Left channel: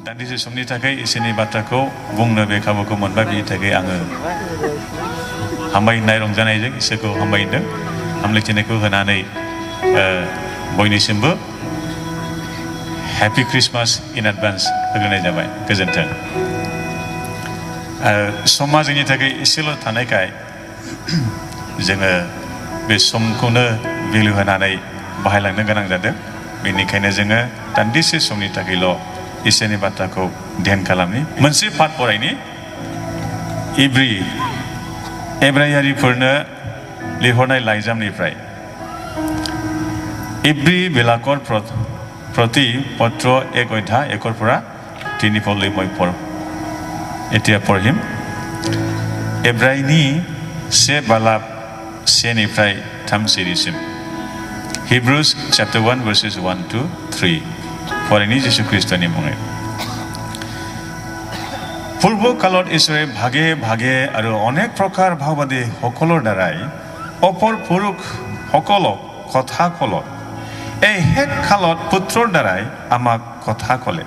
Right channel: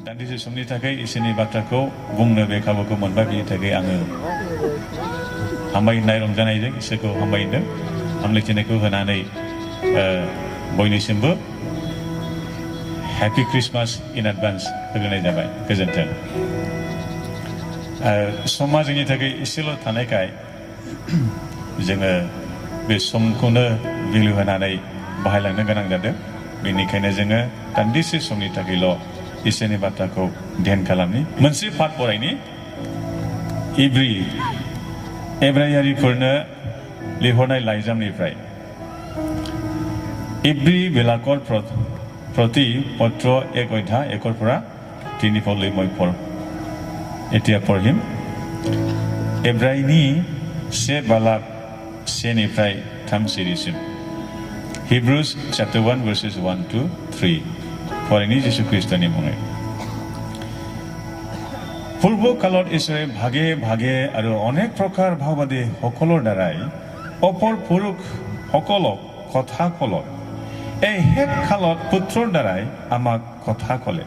दान्दिसे समनि थाखाय इसोरनि बाथ्राखौ बुंनो बे खाबुखौ मोनबाय बिनि थाखाय आङो हामबायनाय रंजानायजों इसोरखौ हामबायदों हामलायथिनायखौ होनानै बयनिसिमबो हैप्पी क्रिसमास इन एडभान्स होग्रोनाय जाबाय गोजोन्थों समा जोंनि थाखाय एसेल' थानायखाय जोङो बे समखौनो भेलु होनानै बाहायलांनो गोनां जादों बेनिखायनो जोङो दान्दिसे समनि थाखायल' इसोरनि बाथ्राखौ ध्यान खालामनि मोनसे पाठ फरायनि एब्रायारिफोरनो लिरहरनाय लाइजामनिफ्राय इब्री बेलाकर प्रति पत्र 1 अध्याय 1 পৰা 3 পদলৈ মই এতিয়া পঢ়িম एब्रायनि 1 बालाब 1 निफ्राय 3 सिरिसिम Hebrews chapter 1 verses 1 to 3 फरायनि যীশু খ্ৰীষ্টनि मुङै পূৰ্ব কালত ঈশ্বৰে ভাগে ভাগে আৰু অনেক প্ৰকাৰ ভাৱবাদী সকলৰ দ্বাৰাই অপৰ পুৰুষ সকলক কথা ক'লে এই শেষ কালত পুত্ৰৰ দ্বাৰাই আমাক কথা ক'লে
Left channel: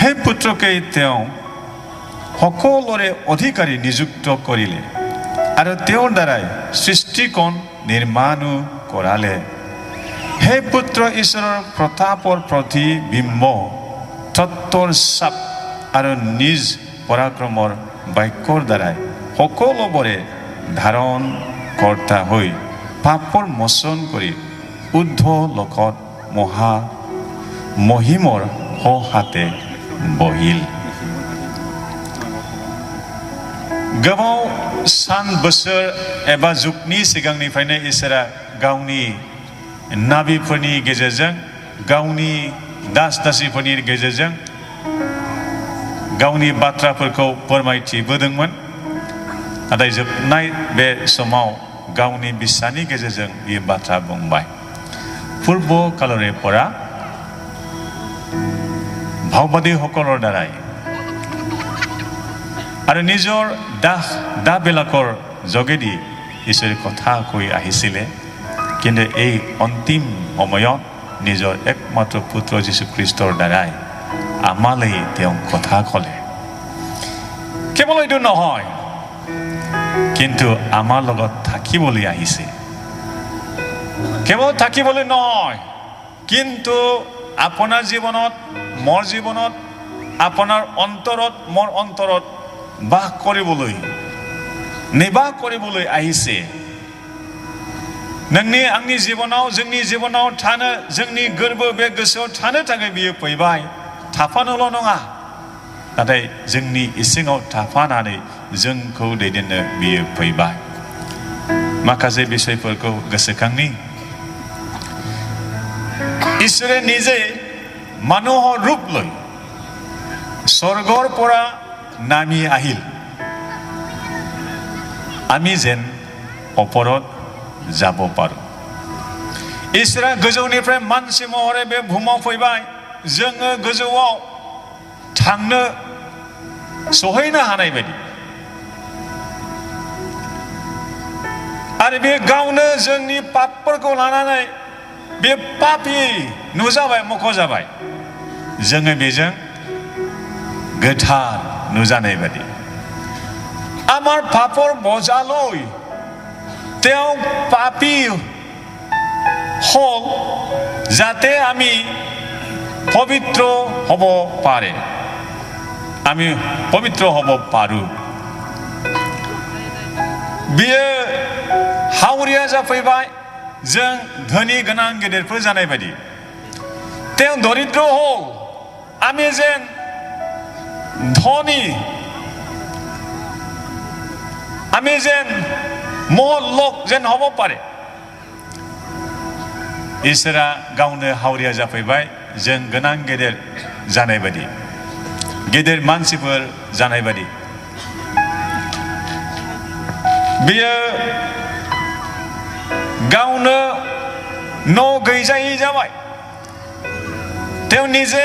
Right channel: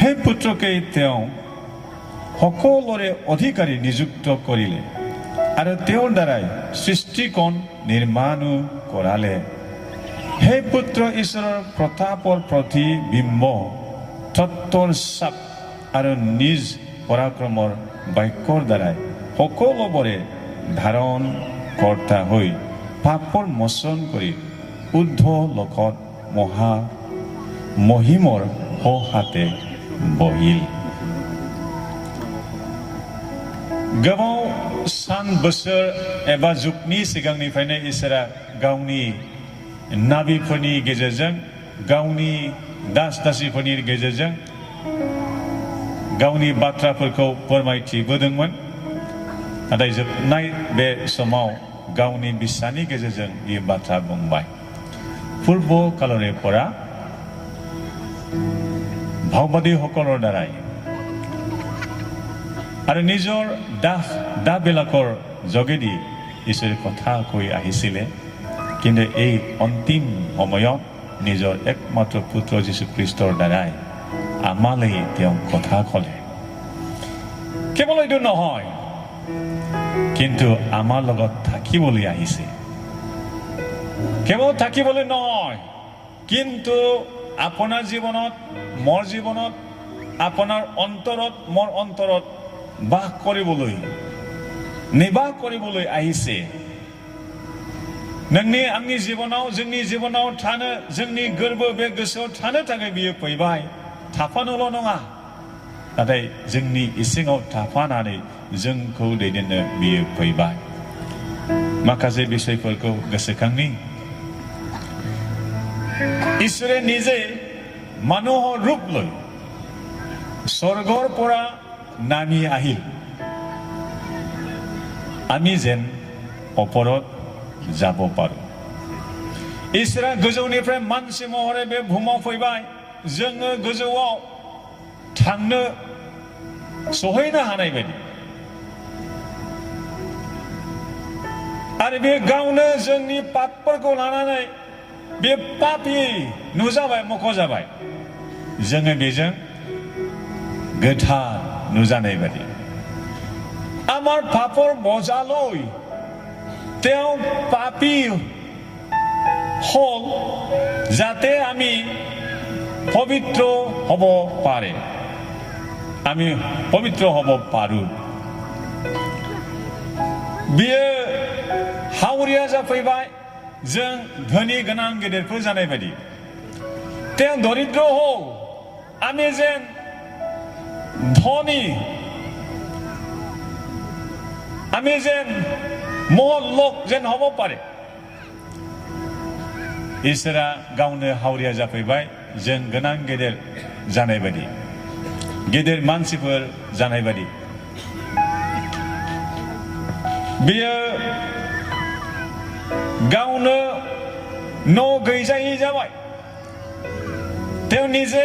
সেই পুত্ৰকে তেওঁ সকলোৰে অধিকাৰী নিযুক্ত কৰিলে আৰু তেওঁৰ দ্বাৰাই সৃষ্টিকণ নিৰ্মাণো কৰালে সেই পুত্ৰ ঈশ্বৰৰ প্ৰতাপৰ প্ৰতিবিম্ব তত্বৰ চাপ আৰু নিজ পৰাক্ৰমৰ বাক্যৰ দ্বাৰাই সকলোবোৰে ধাৰণ কৰ্তা হৈ পাপৰ মোচন কৰি ঊৰ্ধ্ব লোকত মহিমৰ সোঁহাতে বহিল गोबाव सान बोसोर एबा जुगनि सिगांनिफ्रायनो इसोरा गावनि नाबिफोरनि गेजेरजों गावनि दास दासिफोरनि गेजेरजों गावनि बाथ्राफोरखौ फोरमायथिबोदोंमोन नाथाय जोबनाय बे समाव गावनि बिसानि गेजेरजों बे बाथ्रा बुंबाय पूर्व कालरे परा भावबादी সকলৰ দ্বাৰাই আৰু নিজৰ দা বেলাকৰ যোগেদি ঈশ্বৰৰ কথা কৈ আহিছিলে কিন্তু এই অন্তিম সময়ত নিজৰ একমাত্ৰ পুত্ৰ যীশু খ্ৰীষ্টৰ দ্বাৰাই আমালৈ তেওঁ কথা ক'লে কেৱল এইটো নহয় কিন্তু আমাৰ লগত থাকিবলৈ আহিছে কেৱল থাকিবলৈ নহয় কিন্তু আপোনাৰ জীৱনত মোৰ জীৱনত আপোনাৰ অন্তৰত মোৰ অন্তৰত বাস কৰিবলৈ নিবাস কৰিবলৈ আহিছে नोंनि आंनि जीवनाव जोंनि जीवनाव थानो जोंनि गोरबो बे गोसोआव थानो थाखाय बियो फैबाय थाफानोल' नङा नाथाय जोंनि इसिङाव थाफानानै जोंखौ दैदेननो बियो फैबाय माखासे बिषयफोरखौ गोसोखांनि इसोरे নিজে মানুহৰ ৰূপ লৈ স্বৰ্গৰ পৰা নামি আহিল আমি যেন ওপৰত যাব পাৰো इसोरा गोजौनिफ्राय मानसि महरै बे बुहुमाव फैबाय जोङो गोजौआव थांनो सहैनो हानाय बायदि आरो बे गावनो जोंनि पापफोरखौ लानानै बे पापी नुजाबाय मख'जाबाय जोङो बेजों गोथार नुजानाय बायदि আমাৰ পাপৰ বজালৈ তেওঁ পাপী হল যাতে আমি পবিত্ৰ হ'ব পাৰে আমি পবিত্ৰ হ'ব পাৰো बियो हावरिया जाफैबाय जों धोनि गोनां गेदेरफोर जानाय बायदि তেওঁ দৰিদ্ৰ হল আমি যেন ধনী আমি যেন महल लोक जेन हब पारे इसोरा गावनो हावरिया जाफैबाय जों गोनां गेदेर जानाय बायदि गेदेर मानसिफोर जानाय बायदि बियो गावनो न' गैजायै जाबाय তেওঁ নিজে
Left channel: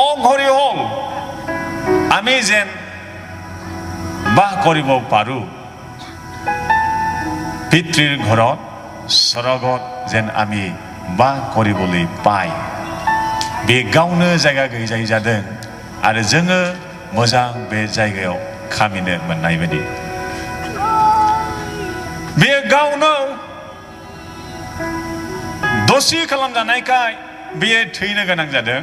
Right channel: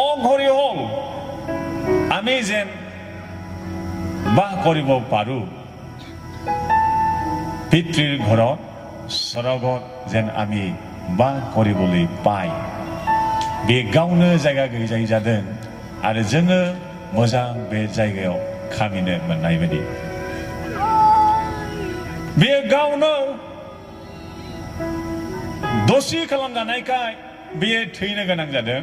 অঘৰী হল আমি যেন বাস কৰিব পাৰো পিতৃৰ ঘৰত স্বৰ্গত যেন আমি বাস কৰিবলৈ পাই बे गावनो जायगा गैजायै जादों आरो जोङो मोजां बे जायगायाव खामिनो मोननाय बायदि बेयो गावनो दसि खालामजानायखाय बेयो थैनो गोनां जादों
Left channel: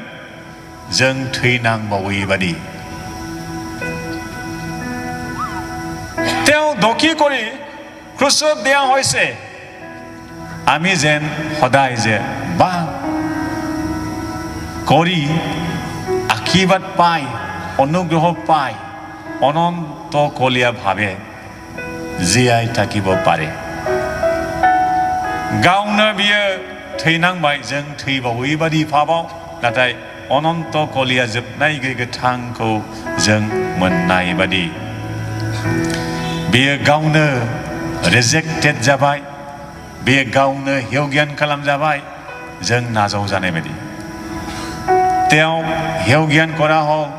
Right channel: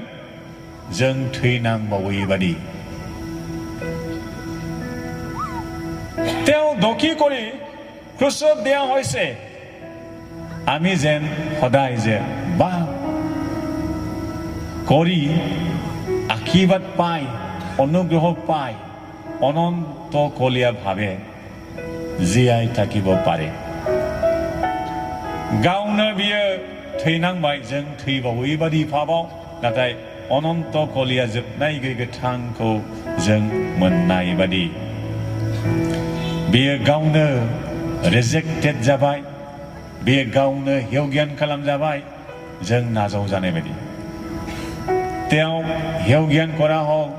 जों थैनांबावै बादि তেওঁ দকি কৰি ক্ৰুচত দিয়া হৈছে আমি যেন সদায় যে বা কৰি আশীৰ্বাদ পাই অনুগ্ৰহ পাই অনন্ত কলীয়া ভাৱে জীয়াই থাকিব পাৰে गावनो बियो थैनांबाय जों थैबावै बादि भाबाव नाथाय अनन्त कलिया जोबनाय गोथांखौ जों मोननाय बादि बियो गावनो रिजेक्टेड जाबाय बियो गावनो हेवज्ञान खालामजाबाय जों नाजाव जानाय बादि তেওঁ হেवজ্ঞান কৰা হয়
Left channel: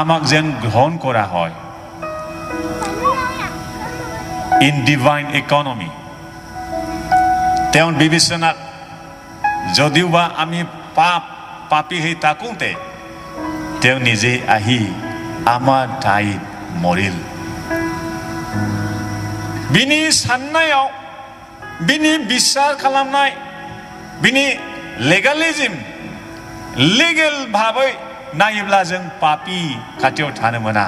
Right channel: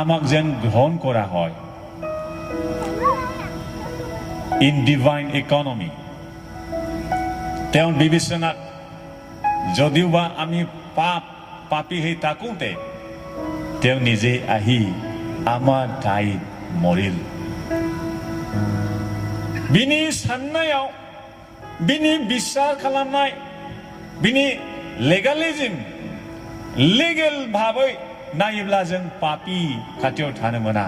আমাক যেন গ্ৰহণ কৰা হয় ইন ডিভাইন ইকনমি তেওঁৰ বিবেচনাত যদিওবা আমি পাপী হৈ থাকোঁতে তেওঁ নিজে আহি আমাৰ ঠাইত মৰিল बिनि साननायाव बिनि बिसार खालामनाय बिनि लेगालिज्म लिगेल भाबै नायोब्ला जों पापी खाथियाव थानो मोना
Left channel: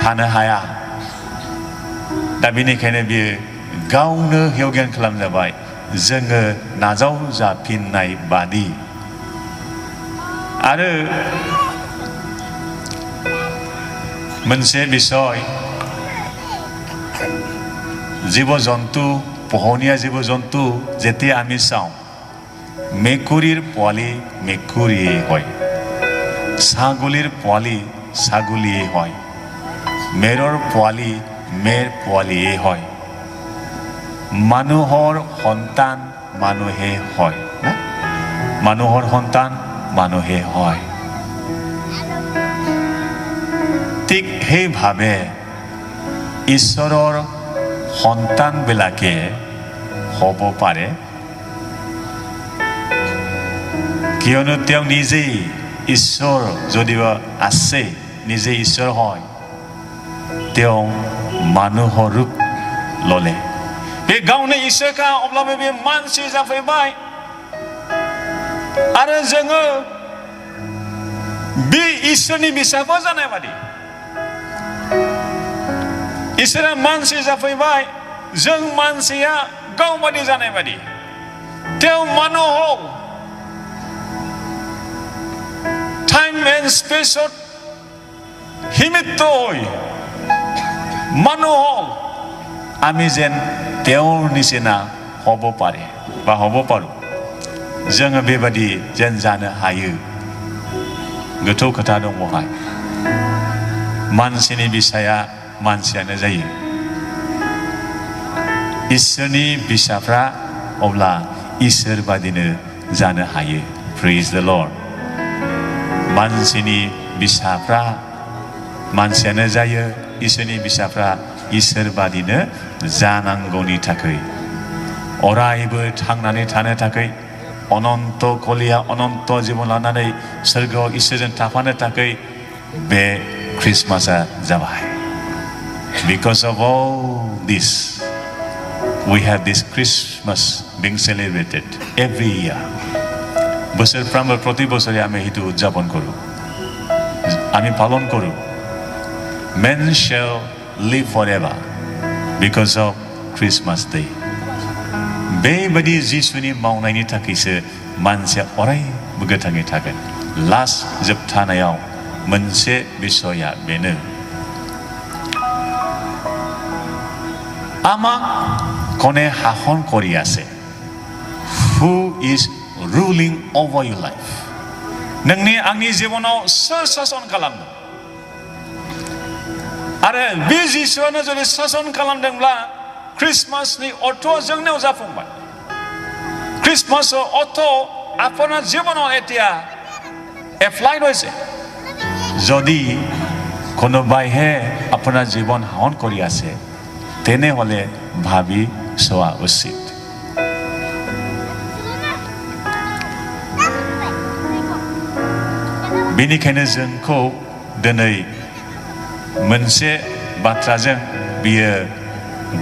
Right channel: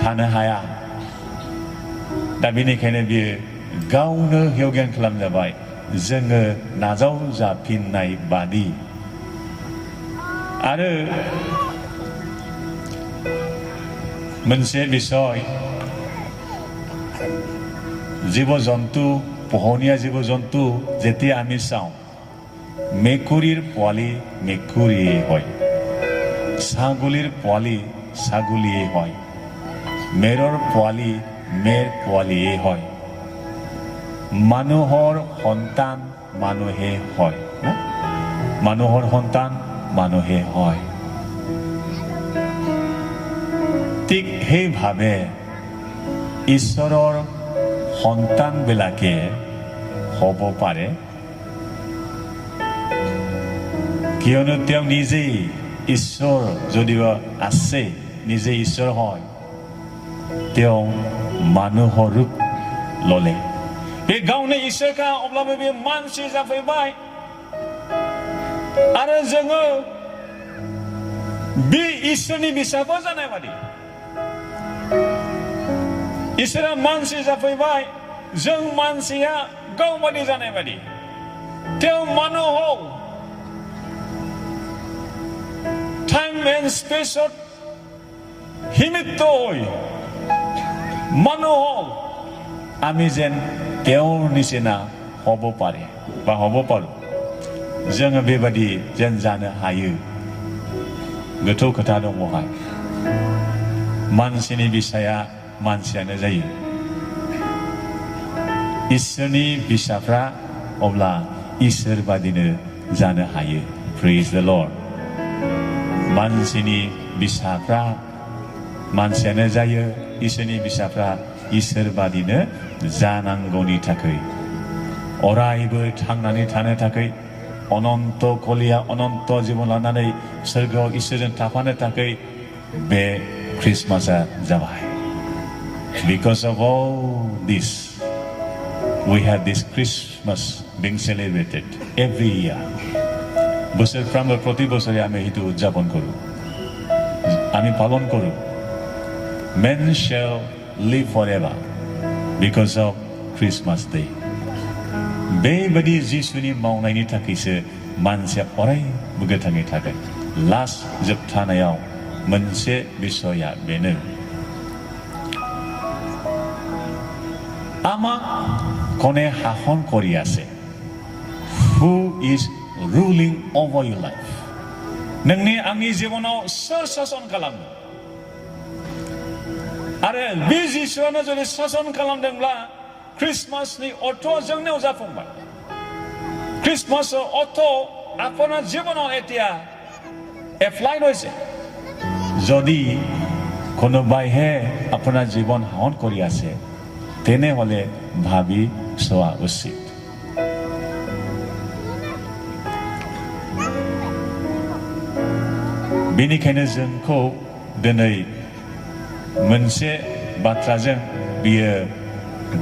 थानो हाया दा बेनिखायनो बियो गावनो हेवज्ञान खालामजाबाय जोङो नाजाव जाफिननाय बादि आरो मोनसे बिषय জীৱ জন্তু পোহনীয়া জীৱ জন্তু যেতিয়া আমি চাওঁ মেকুৰীৰ পোৱালি মেকুৰীয়ে হয় ছাগলীৰ পোৱালি ছাগলীয়ে হয় মেৰৰ পোৱালি মেৰ পোৱালিয়ে হয় মানুহৰ সন্তান মানুহে হয় না মানুহৰ সন্তান মানুহে হয় ঠিক সেইভাৱে ঈশ্বৰৰ সন্তান বিলাকে হ'ব পাৰে কিয়নো তেওঁ নিজেই ঈশ্বৰ যদিও আছে নিজে ঈশ্বৰ হয় তেওঁ মানুহৰ ৰূপ ল'লে बे गावनो इसोरखा अब्लाबो बे मानसि जाफैबाय आरो जोङो बे इसोरनि बिसाबो जानाय बादि इसोरा मानसि जाफैबाय जों मानसिया गावबादि जानाय बादि तेव मानोहक टाइम एन्ड स्पेसत हिमित्तय मानोहक आमी जेन তেওঁৰ নিচিনা হ'ব পাৰে বা হ'ব পাৰো जोङो बेबादि जेन जानो हायो गोथौ खोथा दं बहाय मानसिनि बिसाया मानसियानो जायो इसोरनि बिसाफ्रा अब्ला इसोर बादिनो जानो हायो प्रेज द लर्ड मानसिनि बिसाफ्रा मानसियानो जायो इसोरनि बिसाफ्रा इसोर बादिनो जानांगौनि थाखाय अरायबो थांनानै थानो थाखाय अनन्त कलिया अनन्त जीवन लानानै सोरगोआव इसोरजों थाफानो थाखाय बे क्रिसमासआ जाबाय because of all this we have this Christmas being celebrated every year बोसोरफ्रामबो प्रति बोसोरे आमी हितु उदযাপन करू आमी पालन करू men shall live forever because of Christmas Day बेबादि जिसुनि मावनायनि थाखायसो मानसिया अरायबो गोथाङै थागोन लास्ट जोबथानायाव मोनसे बिषया बेनो আমাক কোনে শাসন কৰি আছে who is ruling over your life नोंनि आंनि जिबनाव सोर शासन खालामो आरो बे जिसुआनो जुदि शासन खालामदोंब्ला क्रिसमासनि अर्थआ जोंनियाव जाफुंबाय क्रिसमासৰ অৰ্থ আপোনাৰ জীৱনত এতিয়া এপ্লাইড হৈছে যদি কোনোবাইহে আপোনাৰ জীৱন শাসন কৰি আছে তেনেহলে ভাবি চোৱা উচিত बेनिखायनो जोंखौ दिनै मोनसे बाथ्राजों बियो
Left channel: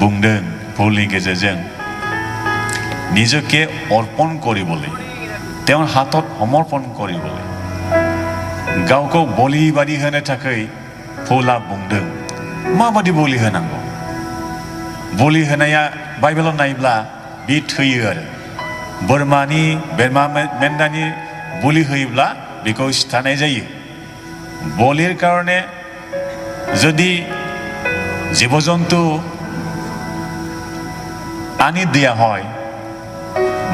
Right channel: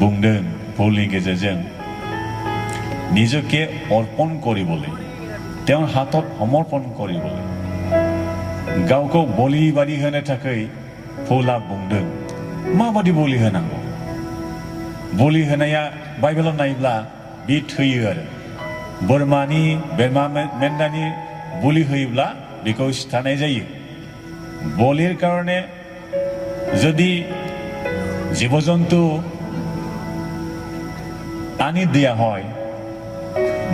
बुंदों पौलनि गेजेरजों নিজকে অর্পণ কৰিবলৈ তেওঁৰ হাতত সমৰ্পণ কৰিবলৈ गावखौ बलि बादि होनो थाखाय पौला बुंदों माबादि बलि होनांगौ बलि होनाया बाइबेलाव नायोब्ला बे थैयो आरो बोरमा मेन्दानि बलि होयोब्ला बेखौ सिथारनाय जायो बलिर कारणे যদি জীৱ-জন্তু আনি দিয়া হয়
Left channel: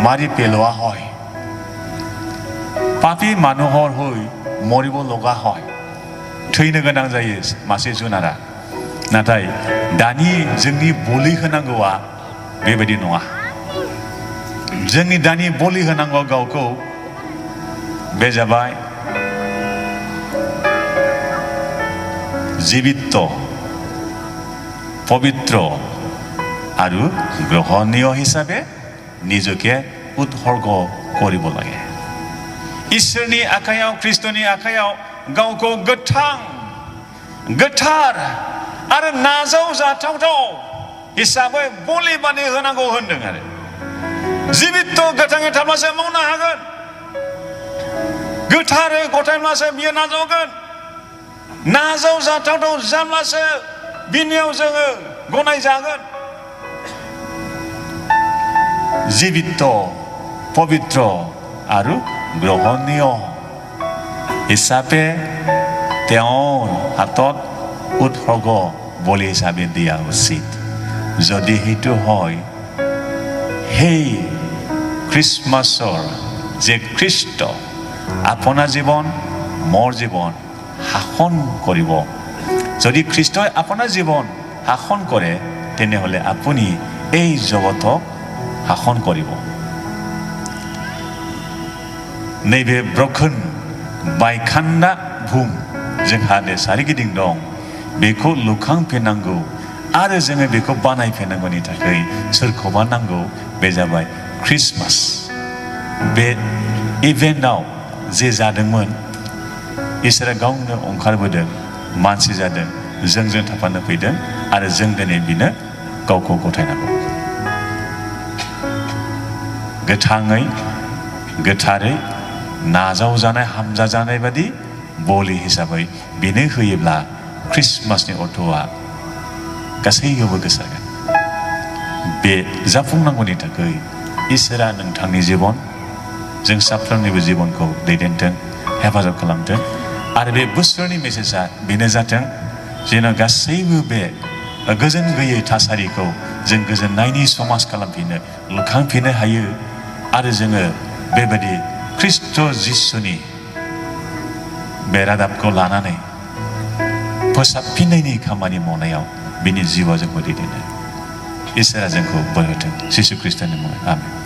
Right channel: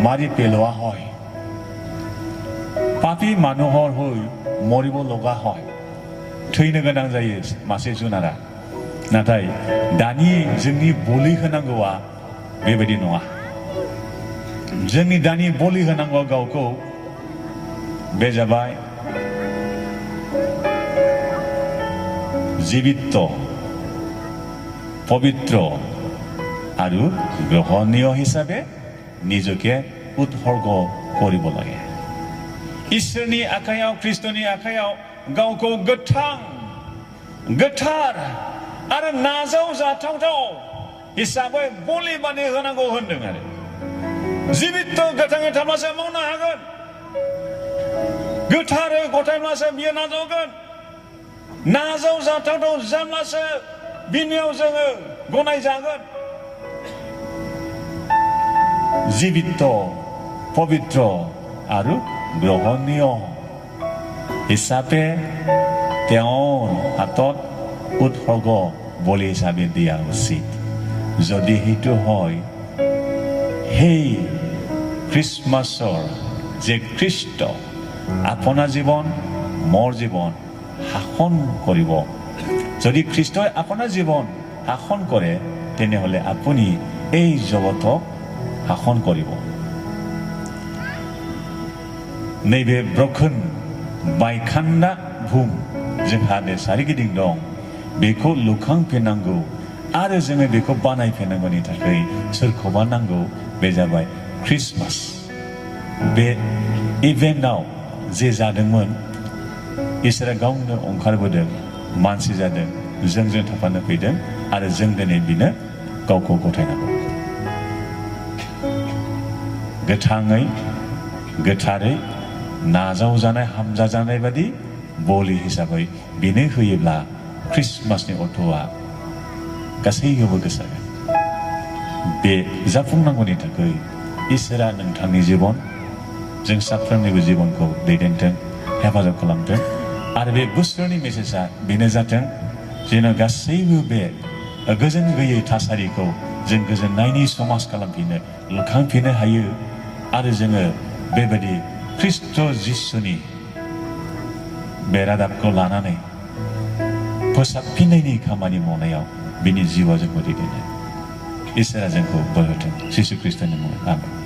মাৰি পেলোৱা হয় পাপী মানুহৰ হৈ মৰিব লগা হয় थैनो गोनां जायो मासे जुनारा नाथाय दानि जोंनि बलि होनांगौआ बेबायदि नङा जोंनि दानि बलि होनांगौ गावखौ बे जाबाय जीवित पवित्र आरो ग्रहणीय हिसाबै নিজকে উৎসৰ্গ কৰিব লাগে इसोरनि आखायाव ख्रिस्ट'नि आखायाव गावखौ गोथार आरो नाजाव जाथावथाव हिसाबै बलि बादि होनांगौ होनदों आरो जीवित गोथाङै थाब्लासो मावनो हागोन गोथारै गथायब्लासो बियो नाजावगोन नाजाव जाथावथाव जाब्लासो बिनियाव जोङो गनायजागोन जीवित पवित्र आरो ग्रहणीय हिसाबै তেওঁৰ হাতত উৎসৰ্গ বলি হিচাপে দিয়া উচিত যদি সেইটো হয় সেই খ্ৰীষ্টমাছৰ যে খ্ৰীষ্ট আপোনাৰ জীৱন মোৰ জীৱন শাসন কৰিব যদি খ্ৰীষ্টই আপোনাৰ জীৱন শাসন কৰে তেনেহলে আপুনি এই জগতক শাসন কৰিব नैबे ब्रकोन बायखान्दा बुहुम जोंहा सोरगिदिं दं बेखौ लुखांफिननांगौ आरो जोङो बेखौ बानायफिननांगौनि थाखाय सोरखौबा नांगौ बे जाबाय ख्रिस्टमास बे इभेन्टआव जे जादोंमोन इसोरा गावनो ओंखारबोदों मानसि जादों जोंजों थाफानो फैदों आरो जों दिनै बिनो गावखौ गथायनांगौ गोथाङै गोथारै नाजाव जानाय हामजा जानाय बादि बलि हिसाबै बेनो होयोब्ला ख्रिस्टमासनि अर्थआ गासैयावबो गोसारगोन बे जाफुंनांगौनि थाखाय इसोरा नोंथांनि जीवन जों साफ्रोमनिबो जीवनखौ दैदेनथों हेफाजाब खालामथों आरो बे बोसोरनि मेसेजआ बेनो जाथों जेन गासैबो बे गोजोन गैयै थासारिखौ जों गोजोननायनि समाज खालामफिननो लुखांफिननो हायो आरो जोङो बेबायदि ख्रिस्ट जिसुनि बे रादाबखौ लानानै फोसाबफिननायनि खामानि मावनायाव बिनि जिउआ जोंखौ दैदेनो इसोरा जोंखौ बोर होथों जिसु ख्रिस्टनि मुङाव आमेन।